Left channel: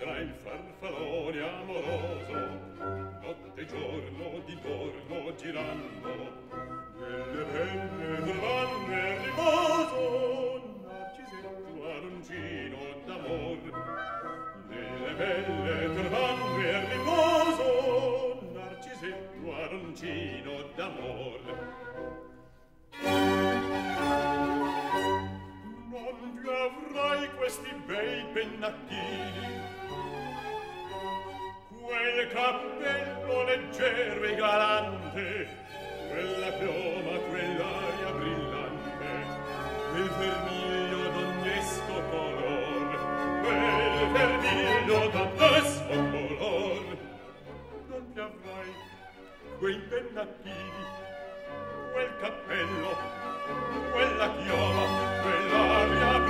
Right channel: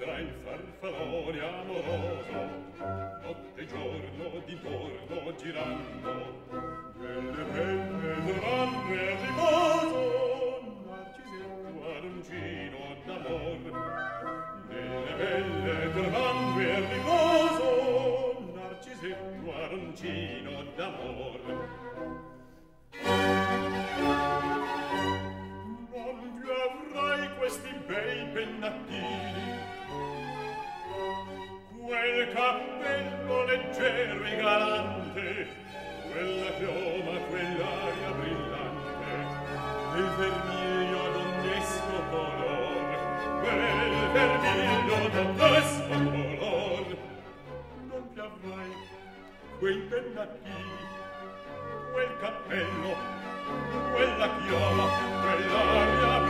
vedrà il farfallone amoroso, notte e giorno d'intorno girando, delle belle trovando il riposo, Narcisetto aroncino d'amor, delle belle trovando il riposo, Narcisetto aroncino d'amor. Non più avrai questi bei pennacchini, quel cappello leggero e galante, quella chioma, quell'aria brillante, quel vermiglio d'ognesco color, quel vermiglio d'ognesco color. Non più avrai quei pennacchini, quel cappello, quella chioma, quell'aria